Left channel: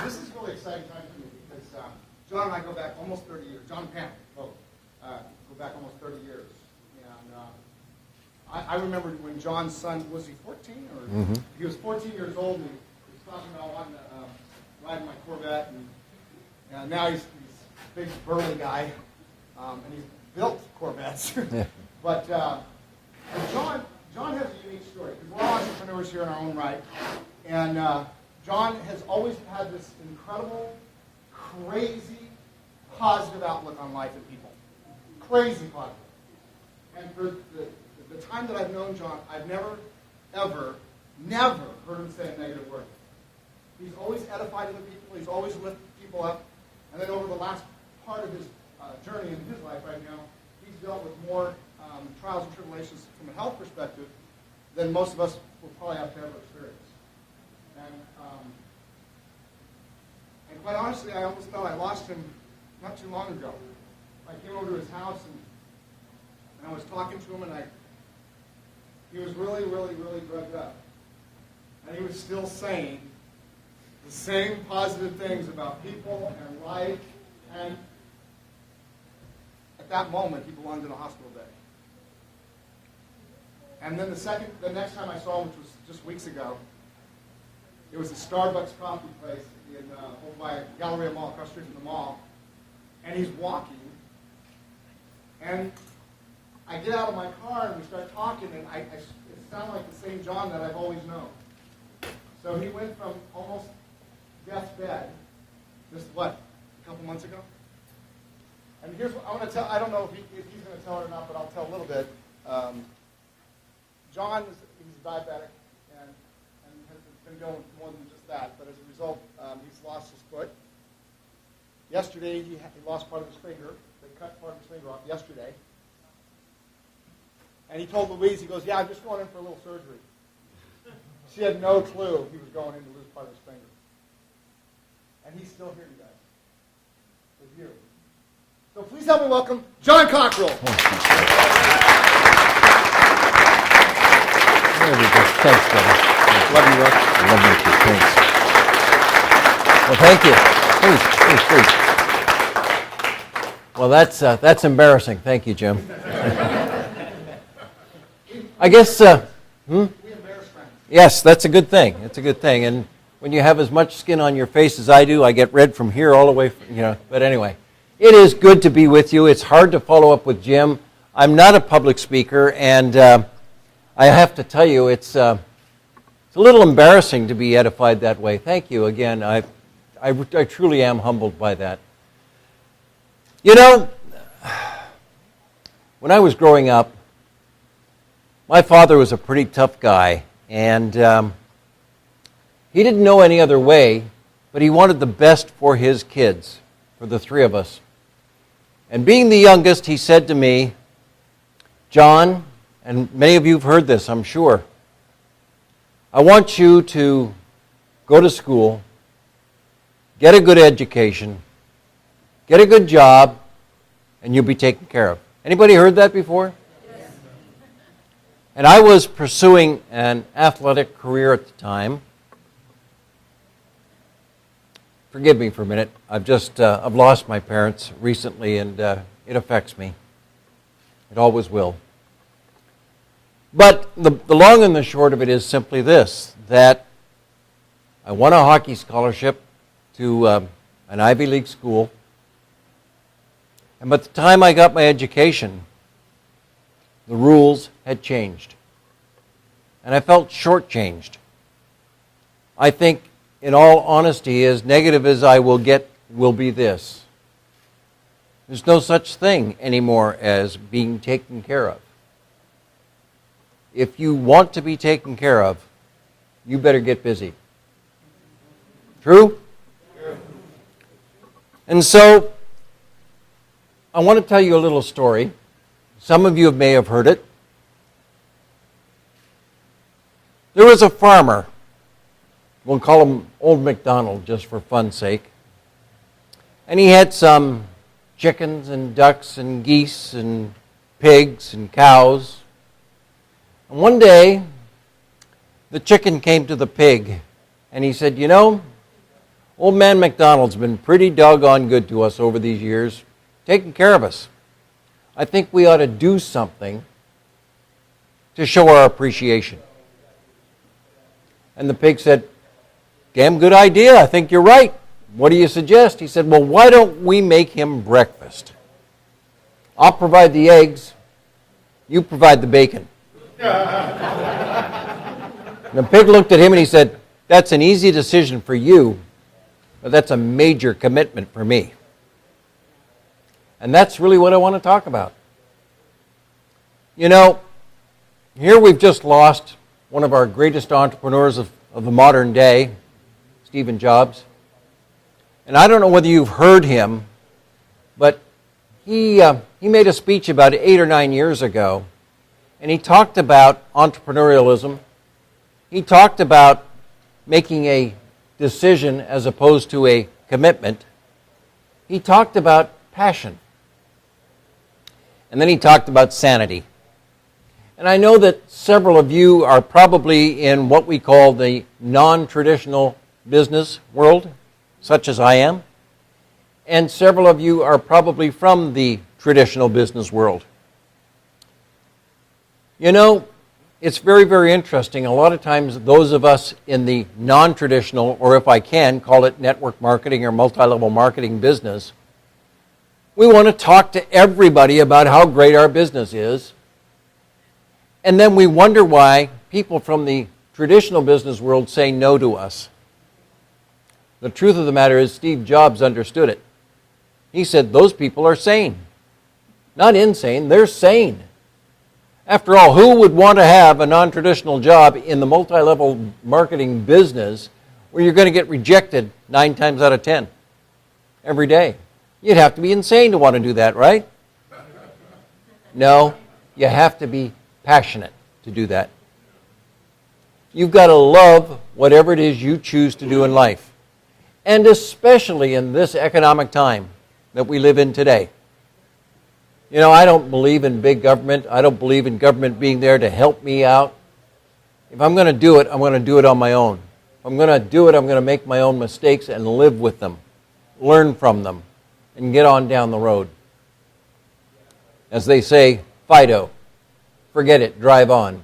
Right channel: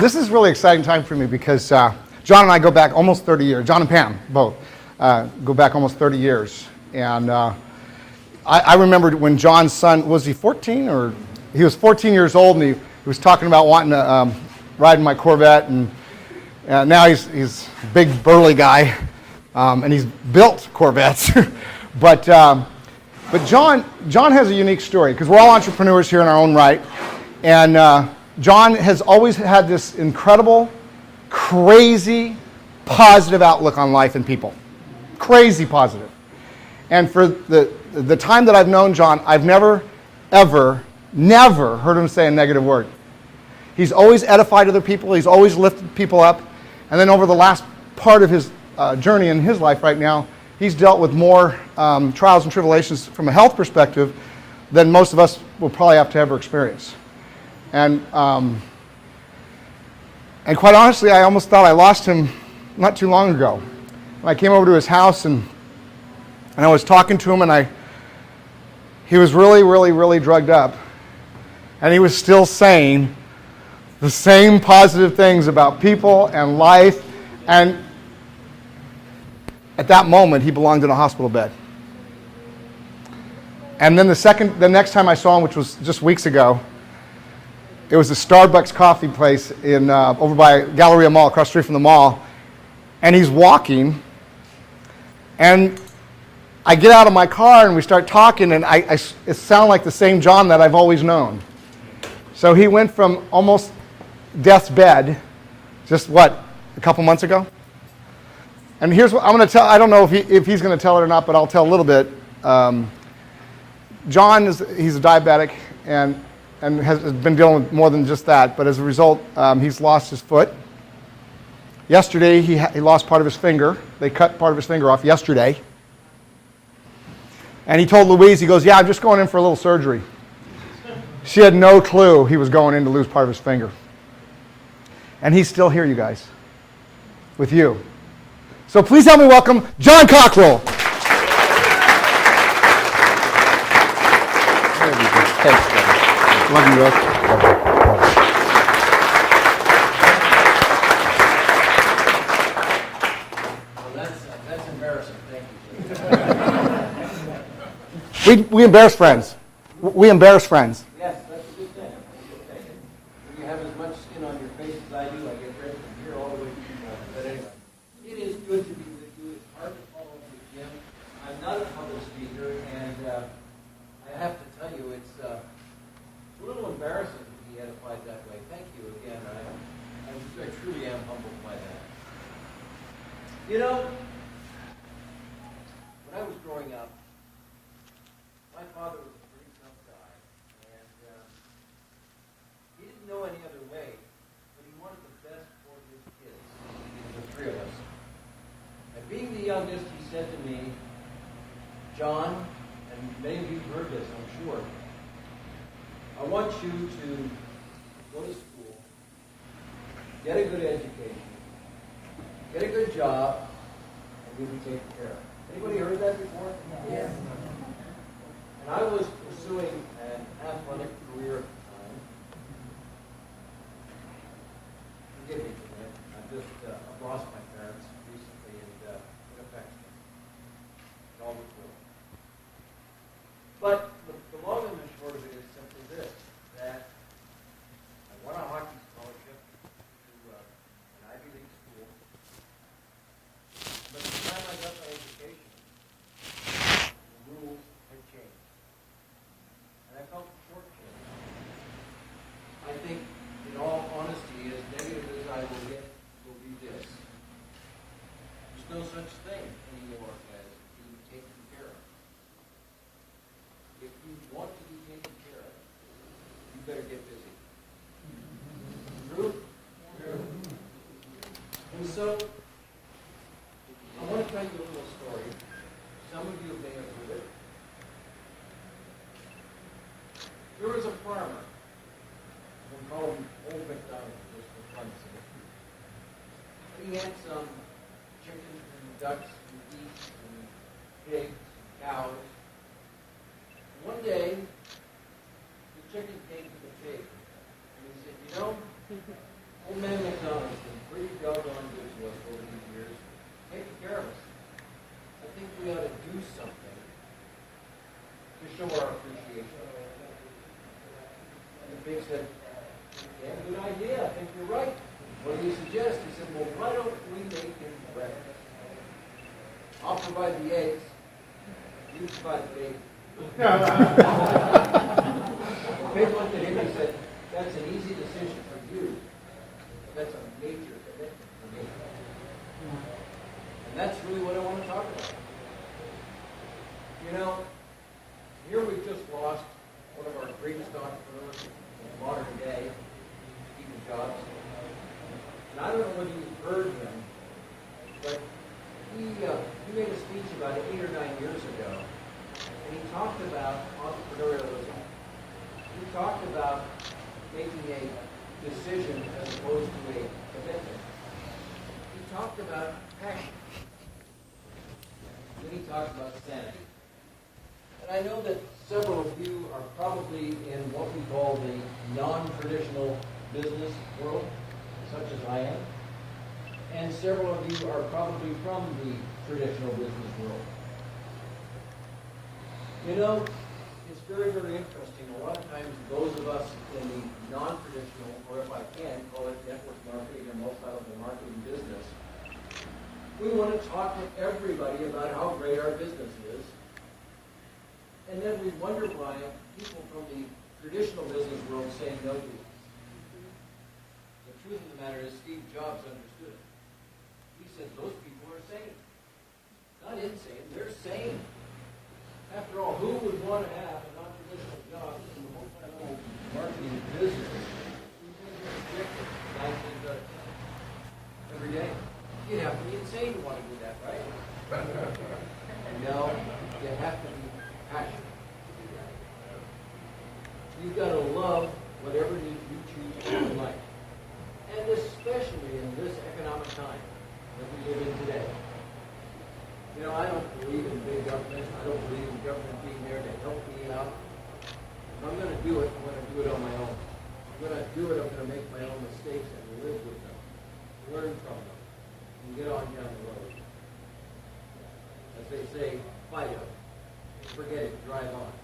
This is really exciting time for me because John and I go back almost 30 years. John and Pam, both, go back almost 30 years. And I remember when John's son, was he 14? Or he was 14 years old, and he was talking about wanting to ride in my Corvette. And now he's a big, burly guy, and he's built Corvettes. But John has a unique story, because we're all entrepreneurs here in our own right. And John has always had this incredible, crazy, positive outlook on life and people. Crazy positive. And for the time that I've known John, I've never, ever, never heard him say a negative word. He's always edified other people. He's always lifted people up. And then over the last part of his journey in his life right now, he's dealt with more trials and tribulations from a health perspective than most of us will probably have to ever experience. And quite honestly, I almost thought I lost him not too long ago. I came over to his house and I was talking to him, and he was really, really, really drugged up. And he was still saying the same positive things about people and life. And at that moment, he belonged in a hospital bed. And then the next time I saw him, which was just weeks ago, it was a Starbucks coffee place over by Galleria Mall, across the street from the mall. And he's walking, and I get out of my car and we start talking, and it sounded like the same John that I've always known. So he went from almost death's bed, just a couple months ago? And here's what I'm going to tell. I don't know if he's going to tell it or not, but I'll tell a little bit. John he's a diabetic and has been dealing with more than just that. But as a result, he's lost his foot. Yesterday, he lost part of his finger. They cut part of his finger off yesterday. And he told Louise, he goes, "Yeah, I'm just going in for a little surgery." She had no clue he was going in to lose part of his finger. And he's still here, you guys, with you. So please help me welcome John Cockroll. Love you, Russ. Love you. Thanks. Well, thank you. Please. Well, that's embarrassing. Thank you, Jim. We embarrass friends. We embarrass friends. Yes, that's a good thing. It's a good thing. And when you have as much skin on your face as I do, I get red from here all the way, But anyway, it is good to be with you. It's hard to follow up with Jim. I'm not a public speaker, and I have to tell you, it's a little embarrassing to be edified that way. Thank you again. I truly am humbled by that. When I was growing up, my father was a pretty tough guy, and he didn't know any other way, but he wanted the best for his kids, for the three of us. And being the youngest, he said to me, "John," and many of you have heard this, I'm sure, "I want you to go to school, get a good education, get a good job, and you'll be taken care of." Anybody heard that before? Yes. And I was pursuing an athletic career at the time. Forgive me for a minute. I've lost my parents recently, and it affects me. It always will. But the long and the short of it is simply this, that I won a hockey scholarship to an Ivy League school. And by the time I got my education, the rules had changed. And I felt shortchanged. I think, in all honesty, as negative as I will get, will be this. There's no such thing anymore as being taken care of. If you want to be taken care of, you better get busy. True? True. And so, I want to tell you a little story. Some of you may have heard it. There was a farmer. We'll call him Old MacDonald just for fun's sake. And he had some chickens and ducks and geese and pigs and cows. And one day, the chicken came to the pig and he said, Old man McDonald's been pretty doggone good to us over these years, taking care of us. I think we ought to do something to show our appreciation. And the pig said, damn good idea, I think you're right. What do you suggest? He said, well, why don't we make him breakfast? I'll provide the eggs, you provide the bacon. The pig looked at him and he said, that's an easy decision for you, but that's a major commitment for me. And that's really what I want to talk about. You know, here we've just lost one of our greatest entrepreneurs of the modern day, Steve Jobs. And I don't know whether you've heard him, but he made a speech about 8 or 9 years ago, and he talked about entrepreneurialism. He talked about making a decision as opposed to a commitment. He talked about passion. And then he talked about sanity. And I know that several of you are probably in what we call the non-traditional business world, such as I am. And several of you are probably from the traditional business world. You know, it's very, very interesting. A lot of times those of us in the non-traditional, or if I can, call it network marketing or multi-level marketing business, we want to talk to everybody about how great our business is. And then we wonder why people from the traditional business world say no to us. The truth of the matter is Steve Jobs understood it. He said those people are sane. Not insane, they're sane. After all, who would want to have a non-traditional job in the multi-level marketing business where you're going to get rejected 9 times out of 10 every day? You'd have to be insane to want to do that, right? No, you have to be passionate to do that. You've got to love whatever it is you choose to do in life. And especially in this economic time that we live in today. You know, I don't believe in big government. I don't believe in government being there to help me out. If I'm going to do it, I'm going to do it on my own. If I'm going to do it, I'm going to make my own mistakes and live with them, learn from them, and get on down the road. As they say, Fido, forget it, drive on.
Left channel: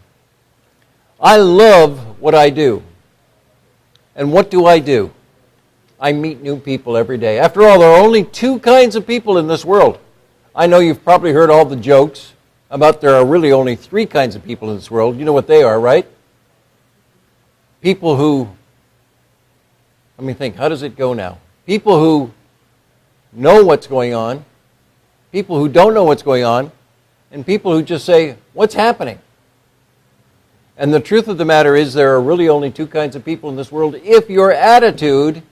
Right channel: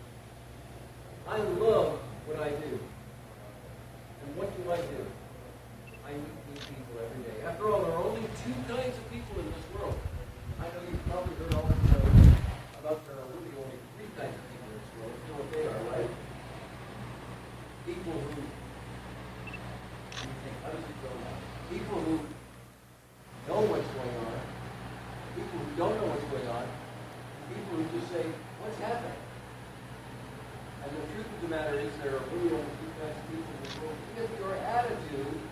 I love what I do. And what do? I meet new people every day. After all, there are only 2 kinds of people in this world. I know you've probably heard all the jokes about there are really only 3 kinds of people in this world. You know what they are, right? People who, let me think, how does it go now? People who know what's going on, people who don't know what's going on, and people who just say, what's happening? And the truth of the matter is there are really only 2 kinds of people in this world if your attitude,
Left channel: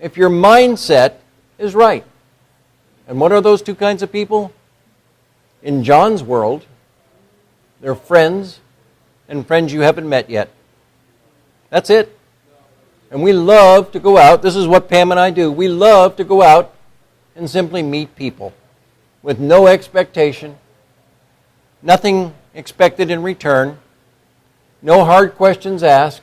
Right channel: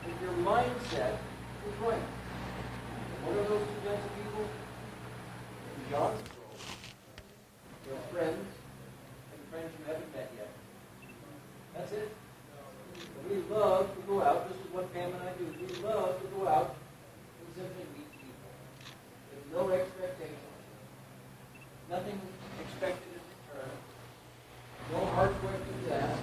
if your mindset is right. And what are those 2 kinds of people? In John's world, they're friends and friends you haven't met yet. That's it. And we love to go out. This is what Pam and I do. We love to go out and simply meet people with no expectation, nothing expected in return, no hard questions asked,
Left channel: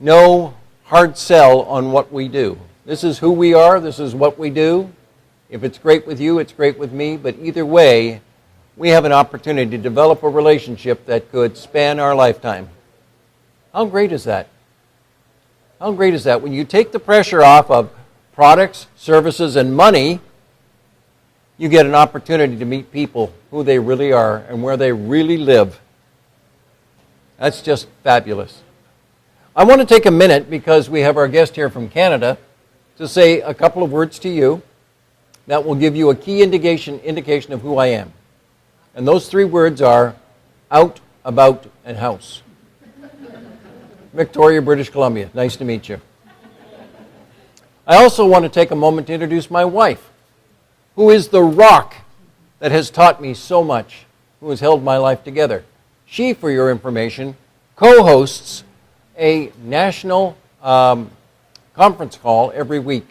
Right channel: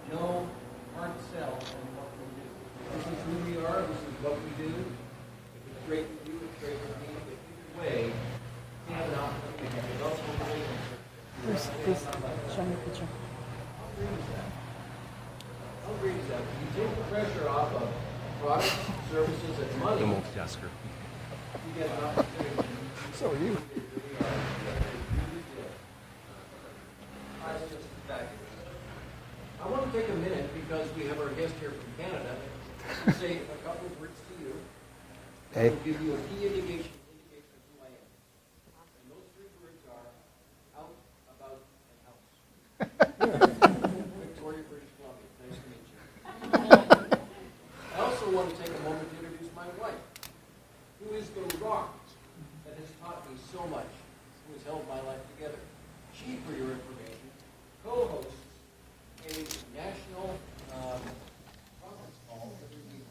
no hard sell on what we do. This is who we are, this is what we do. If it's great with you, it's great with me, but either way, we have an opportunity to develop a relationship that could span our lifetime. How great is that? How great is that? When you take the pressure off of products, services, and money, you get an opportunity to meet people who they really are and where they really live. That's just fabulous. I want to take a minute, because we have our guest here from Canada, to say a couple of words to you that will give you a key indication of who I am. And those 3 words are out, about, and house. Victoria, British Columbia. Nice to meet you. I also want to take a moment to introduce my wife, who is the rock that has taught me so much, who has held my life together. She, for your information, co-hosts a national conference call every week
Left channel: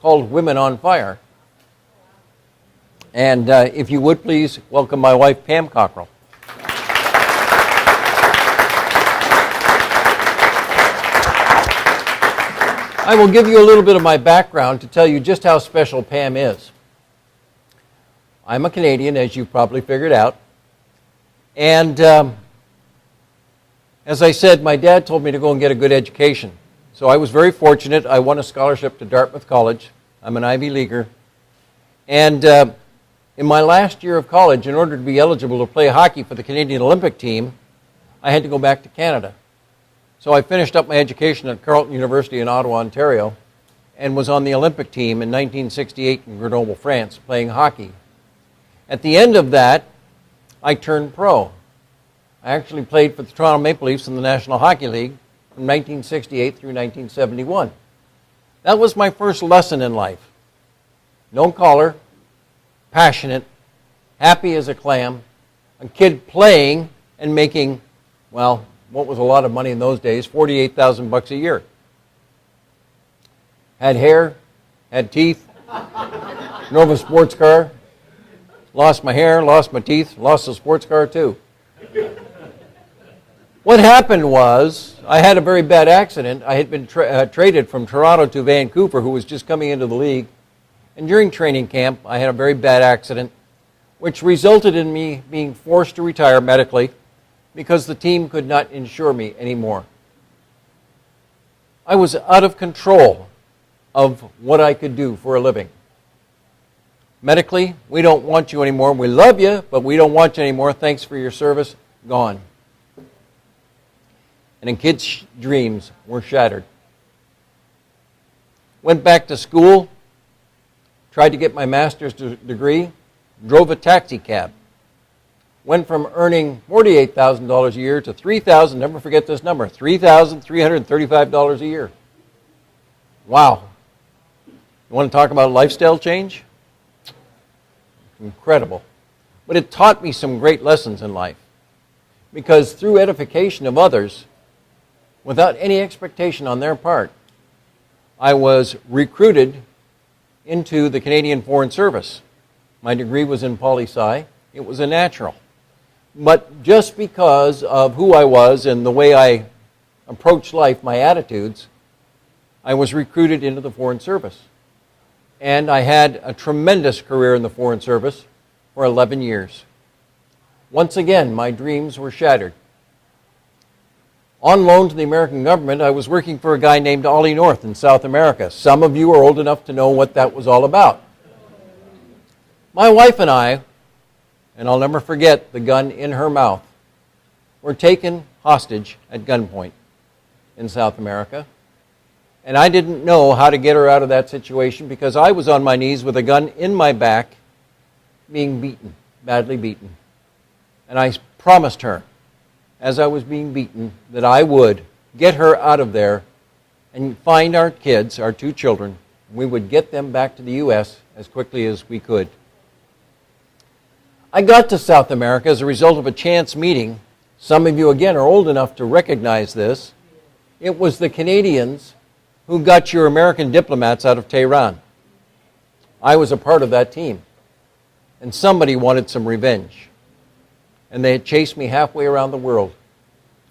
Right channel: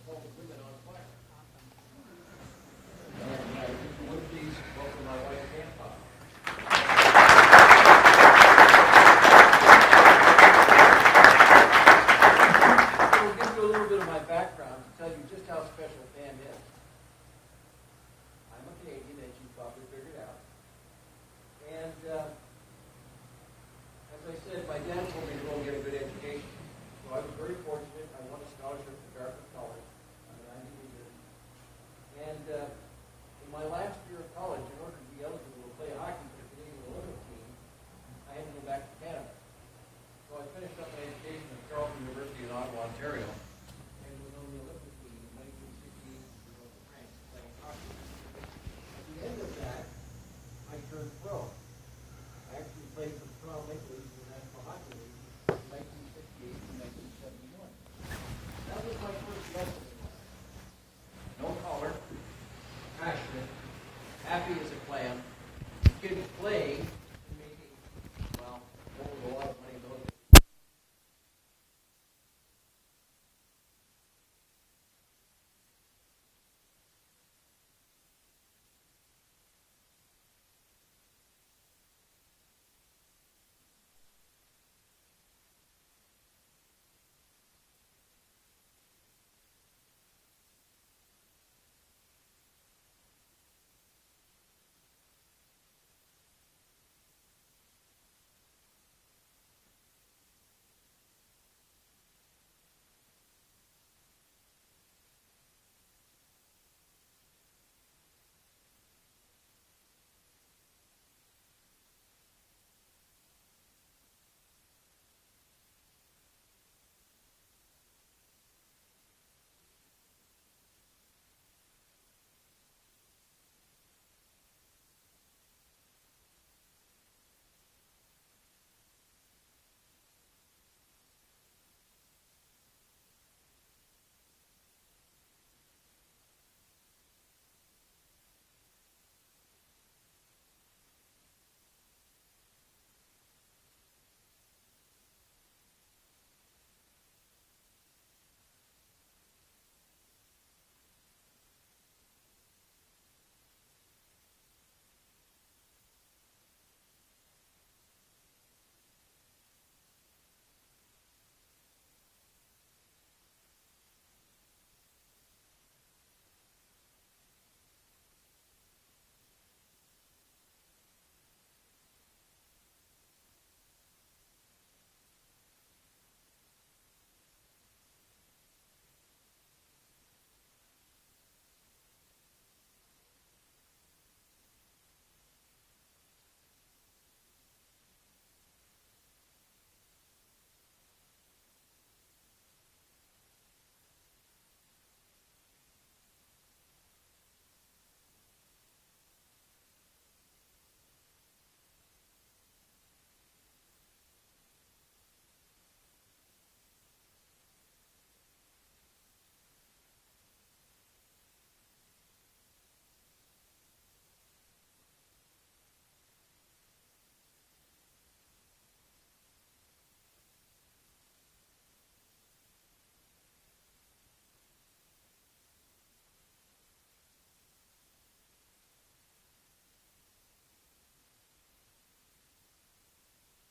called Women on Fire. And if you would please welcome my wife, Pam Cockroll. I will give you a little bit of my background to tell you just how special Pam is. I'm a Canadian, as you've probably figured out. And as I said, my dad told me to go and get a good education. So I was very fortunate. I won a scholarship to Dartmouth College. I'm an Ivy Leaguer. And in my last year of college, in order to be eligible to play hockey for the Canadian Olympic team, I had to go back to Canada. So I finished up my education at Carleton University in Ottawa, Ontario, and was on the Olympic team in 1968 in Grenoble, France, playing hockey. At the end of that, I turned pro. I actually played for the Toronto Maple Leafs in the National Hockey League from 1968 through 1971. That was my first lesson in life. No collar, passionate, happy as a clam, a kid playing and making, well, what was a lot of money in those days, $48,000 a year. Had hair, had teeth, drove a sports car, lost my hair, lost my teeth, lost the sports car too. What happened was, I had a very bad accident. I had been traded from Toronto to Vancouver, who was just coming into the league. And during training camp, I had a very bad accident, which resulted in me being forced to retire medically because the team could not insure me anymore. I was out of control of what I could do for a living. Medically, we don't want you anymore. We love you, but we don't want you anymore. Thanks for your service. Gone. And in kids' dreams were shattered. Went back to school, tried to get my master's degree, drove a taxi cab. Went from earning $48,000 a year to $3,000, never forget this number, $3,335 a year. Wow. You want to talk about lifestyle change? Incredible. But it taught me some great lessons in life. Because through edification of others, without any expectation on their part, I was recruited into the Canadian Foreign Service. My degree was in poli-sci. It was a natural. But just because of who I was and the way I approached life, my attitudes, I was recruited into the Foreign Service. And I had a tremendous career in the Foreign Service for 11 years. Once again, my dreams were shattered. On loan to the American government, I was working for a guy named Ollie North in South America. Some of you are old enough to know what that was all about. My wife and I, and I'll never forget the gun in her mouth, were taken hostage at gunpoint in South America. And I didn't know how to get her out of that situation because I was on my knees with a gun in my back, being beaten, badly beaten. And I promised her, as I was being beaten, that I would get her out of there and find our kids, our two children. We would get them back to the U.S. as quickly as we could. I got to South America as a result of a chance meeting. Some of you, again, are old enough to recognize this. It was the Canadians who got your American diplomats out of Tehran. I was a part of that team. And somebody wanted some revenge. And they had chased me halfway around the world.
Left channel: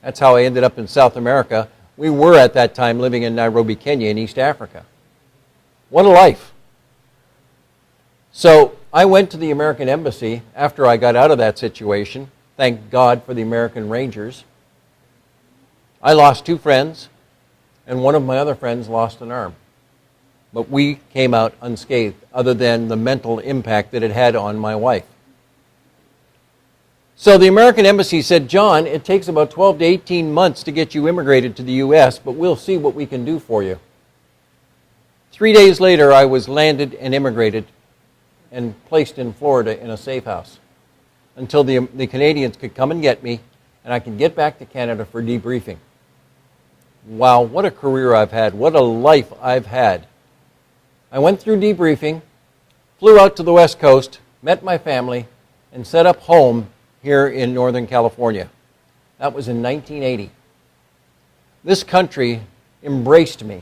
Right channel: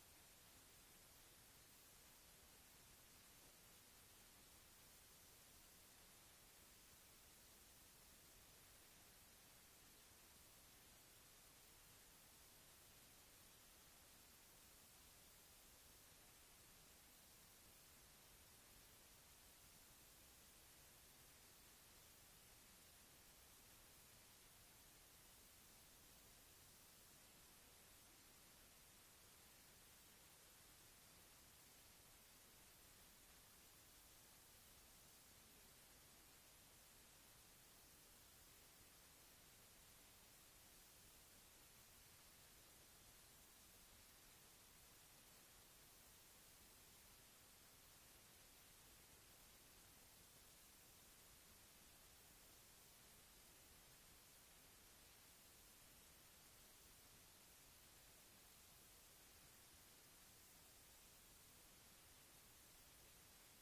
That's how I ended up in South America. We were at that time living in Nairobi, Kenya, in East Africa. What a life. So I went to the American Embassy after I got out of that situation. Thank God for the American Rangers. I lost 2 friends, and one of my other friends lost an arm. But we came out unscathed, other than the mental impact that it had on my wife. So the American Embassy said, John, it takes about 12 to 18 months to get you immigrated to the U.S., but we'll see what we can do for you. 3 days later, I was landed and immigrated and placed in Florida in a safe house until the Canadians could come and get me and I could get back to Canada for debriefing. Wow, what a career I've had. What a life I've had. I went through debriefing, flew out to the West Coast, met my family, and set up home here in Northern California. That was in 1980. This country embraced me.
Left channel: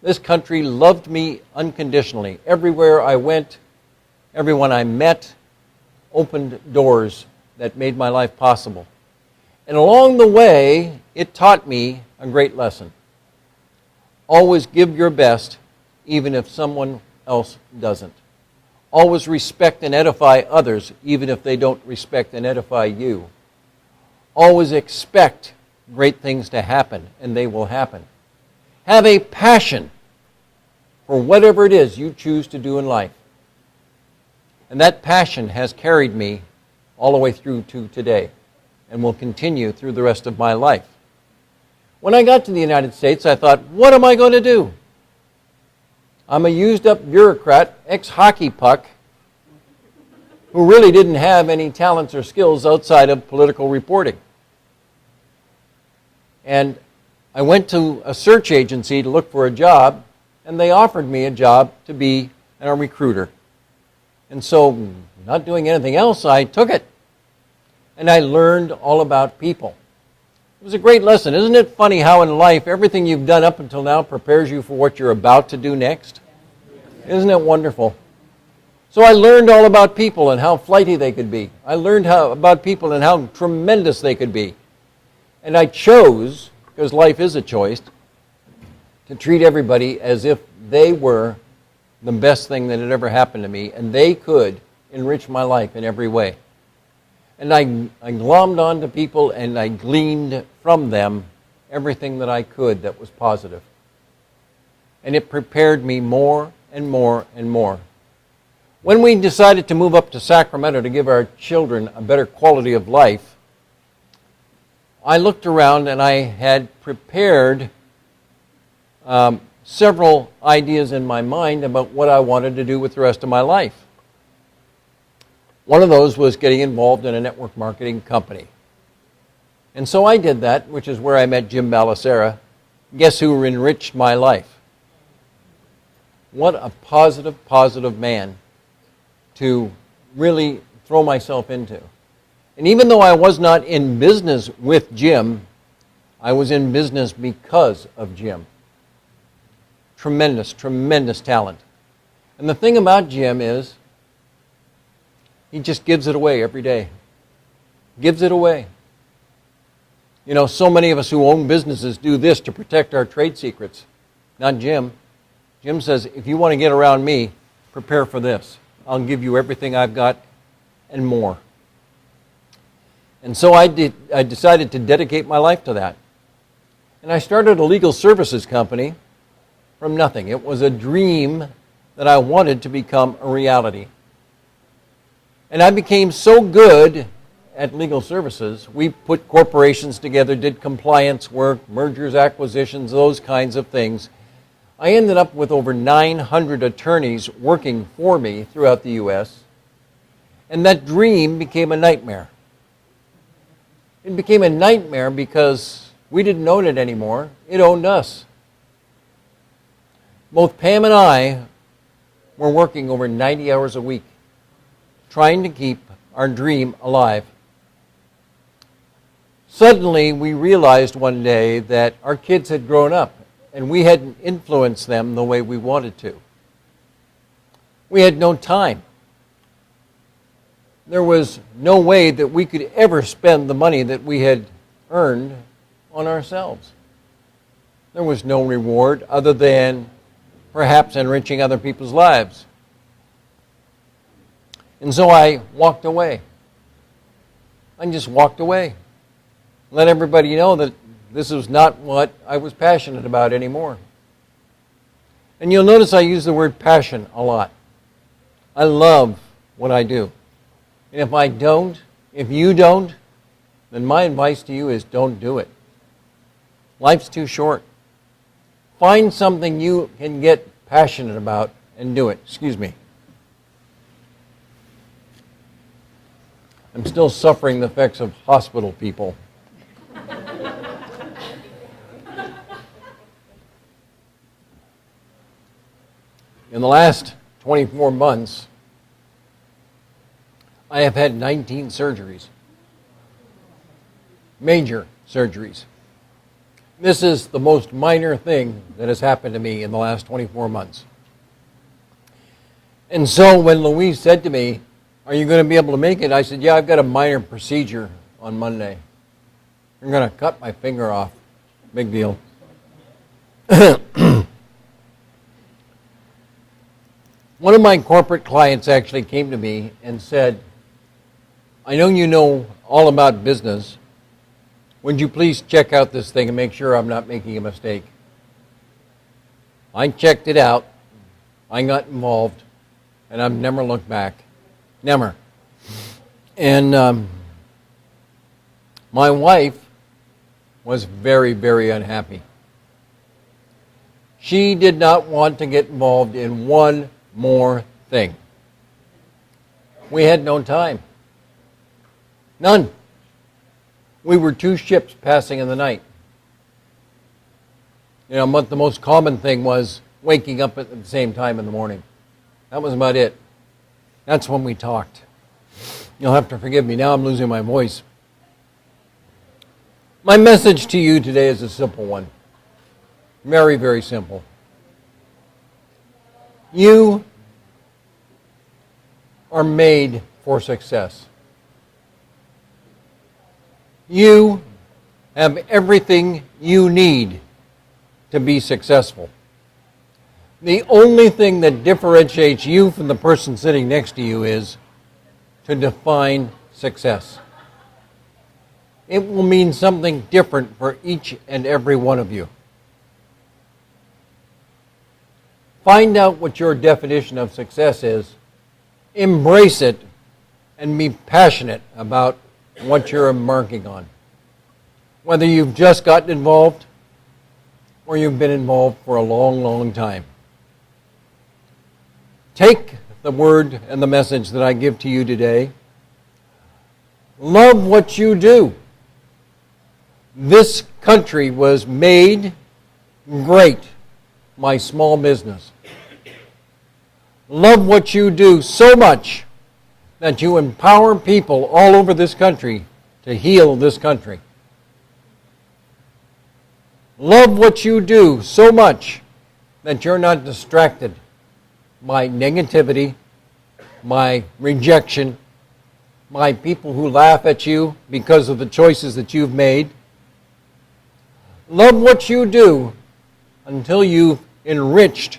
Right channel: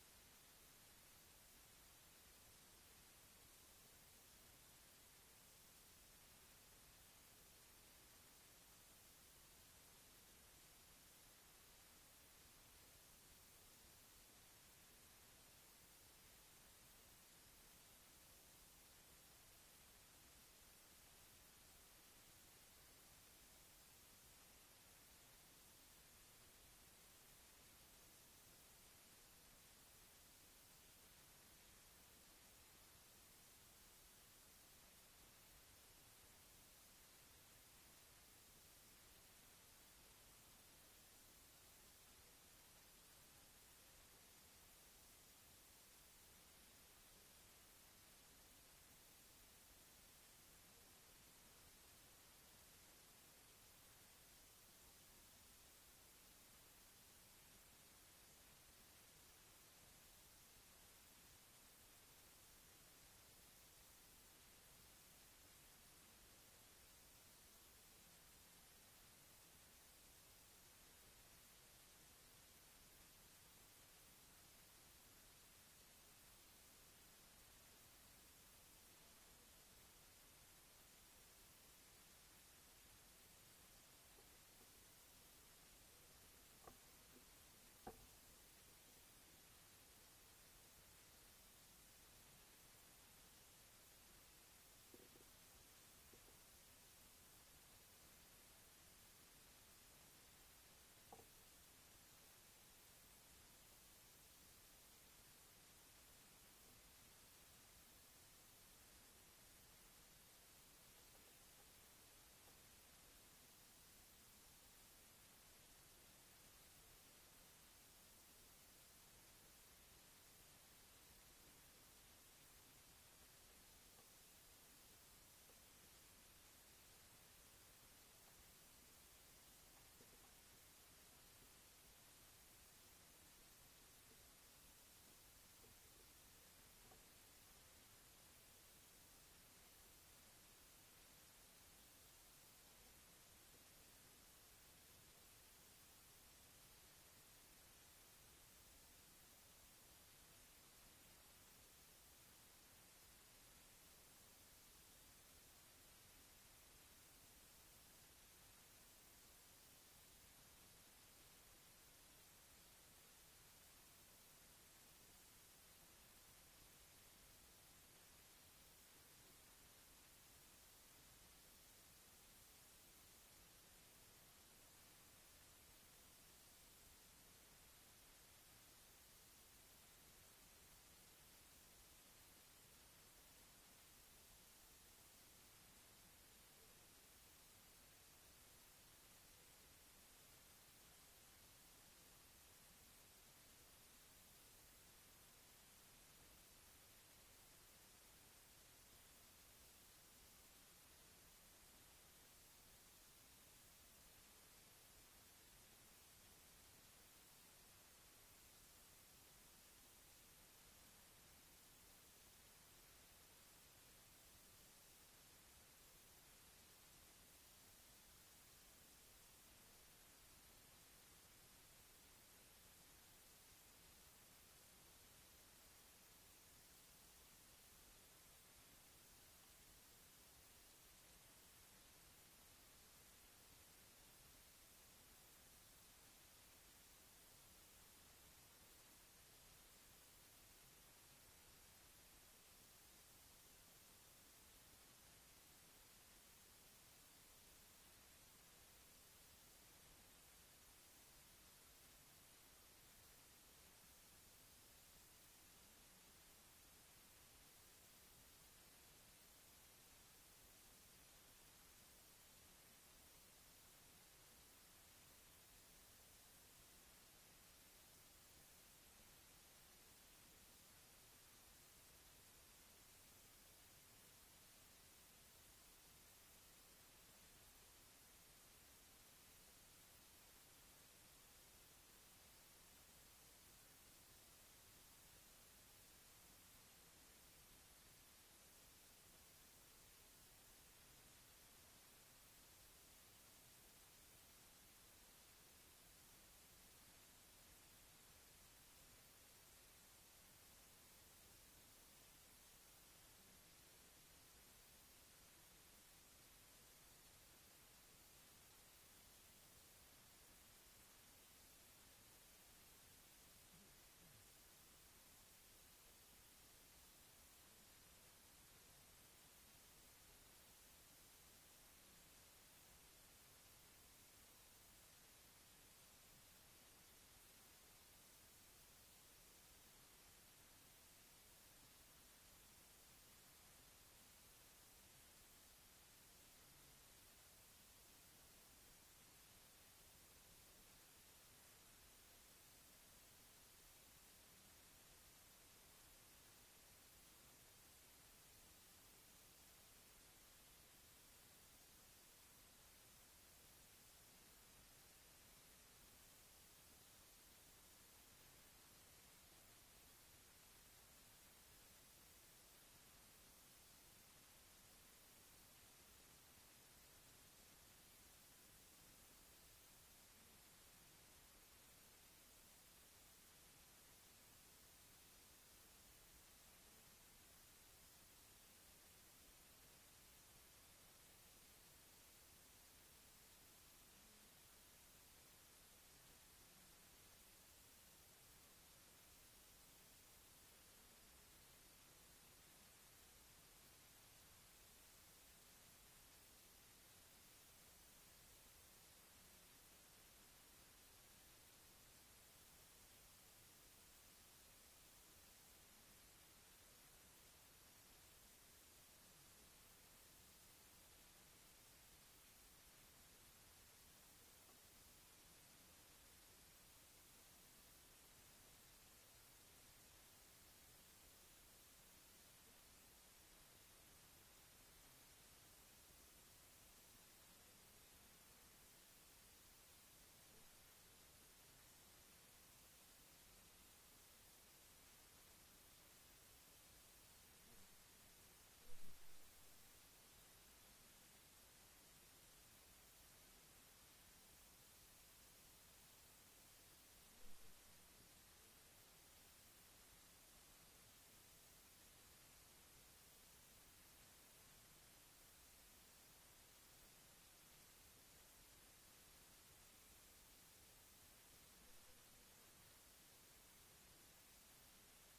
This country loved me unconditionally. Everywhere I went, everyone I met opened doors that made my life possible. And along the way, it taught me a great lesson. Always give your best, even if someone else doesn't. Always respect and edify others, even if they don't respect and edify you. Always expect great things to happen, and they will happen. Have a passion for whatever it is you choose to do in life. And that passion has carried me all the way through to today and will continue through the rest of my life. When I got to the United States, I thought, what am I going to do? I'm a used-up bureaucrat, ex-hockey puck, who really didn't have any talents or skills outside of political reporting. And I went to a search agency to look for a job, and they offered me a job to be a recruiter. And so, not doing anything else, I took it. And I learned all about people. It was a great lesson. Isn't it funny how in life everything you've done up until now prepares you for what you're about to do next? Isn't it wonderful? So I learned all about people and how flighty they could be. I learned about people and how tremendous they could be. And I chose, because life is a choice, to treat everybody as if they were the best thing that had ever happened to me, and they could enrich my life in every way. And I glommed onto people, and I gleaned from them everything that I could that was positive. And it prepared me more and more and more. When we decided to move up to Sacramento to give our children a better quality of life, I looked around and I had prepared several ideas in my mind about what I wanted to do with the rest of my life. One of those was getting involved in a network marketing company. And so I did that, which is where I met Jim Bellacera. Guess who enriched my life? What a positive man to really throw myself into. And even though I was not in business with Jim, I was in business because of Jim. Tremendous talent. And the thing about Jim is, he just gives it away every day. Gives it away. You know, so many of us who own businesses do this to protect our trade secrets. Not Jim. Jim says, if you want to get around me, prepare for this. I'll give you everything I've got and more. And so I decided to dedicate my life to that. And I started a legal services company from nothing. It was a dream that I wanted to become a reality. And I became so good at legal services, we put corporations together, did compliance work, mergers, acquisitions, those kinds of things. I ended up with over 900 attorneys working for me throughout the U.S., and that dream became a nightmare. It became a nightmare because we didn't own it anymore. It owned us. Both Pam and I were working over 90 hours a week, trying to keep our dream alive. Suddenly, we realized one day that our kids had grown up, and we hadn't influenced them the way we wanted to. We had no time. There was no way that we could ever spend the money that we had earned on ourselves. There was no reward other than perhaps enriching other people's lives. And so I walked away. I just walked away. Let everybody know that this was not what I was passionate about anymore. And you'll notice I use the word passion a lot. I love what I do. And if you don't, then my advice to you is don't do it. Life's too short. Find something you can get passionate about and do it. Excuse me. I'm still suffering the effects of hospital people. In the last 24 months, I have had 19 surgeries. Major surgeries. This is the most minor thing that has happened to me in the last 24 months. And so when Louise said to me, "Are you going to be able to make it?" I said, "Yeah, I've got a minor procedure on Monday. I'm going to cut my finger off. Big deal." One of my corporate clients actually came to me and said, I know you know all about business. Would you please check out this thing and make sure I'm not making a mistake? I checked it out. I got involved, and I've never looked back. Never. And my wife was very, very unhappy. She did not want to get involved in one more thing. We had no time. None. We were two ships passing in the night. You know, but the most common thing was waking up at the same time in the morning. That was about it. That's when we talked. You'll have to forgive me. Now I'm losing my voice. My message to you today is a simple one. Very, very simple. You are made for success. You have everything you need to be successful. The only thing that differentiates you from the person sitting next to you is to define success. It will mean something different for each and every one of you. Find out what your definition of success is, embrace it, and be passionate about what you're embarking on. Whether you've just gotten involved or you've been involved for a long, long time. Take the word and the message that I give to you today. Love what you do. This country was made great by small business. Love what you do so much that you empower people all over this country to heal this country. Love what you do so much that you're not distracted by negativity, by rejection, by people who laugh at you because of the choices that you've made. Love what you do until you've enriched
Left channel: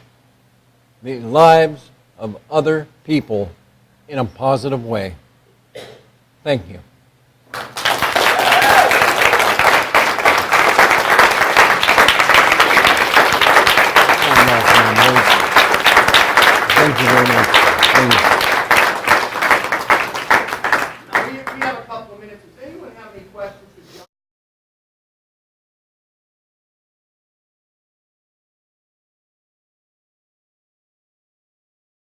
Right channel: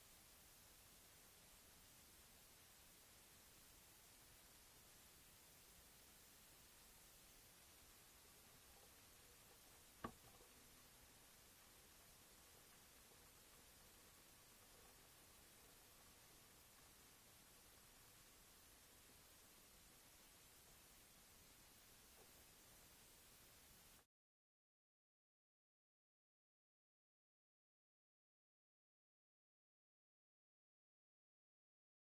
the lives of other people in a positive way. Thank you.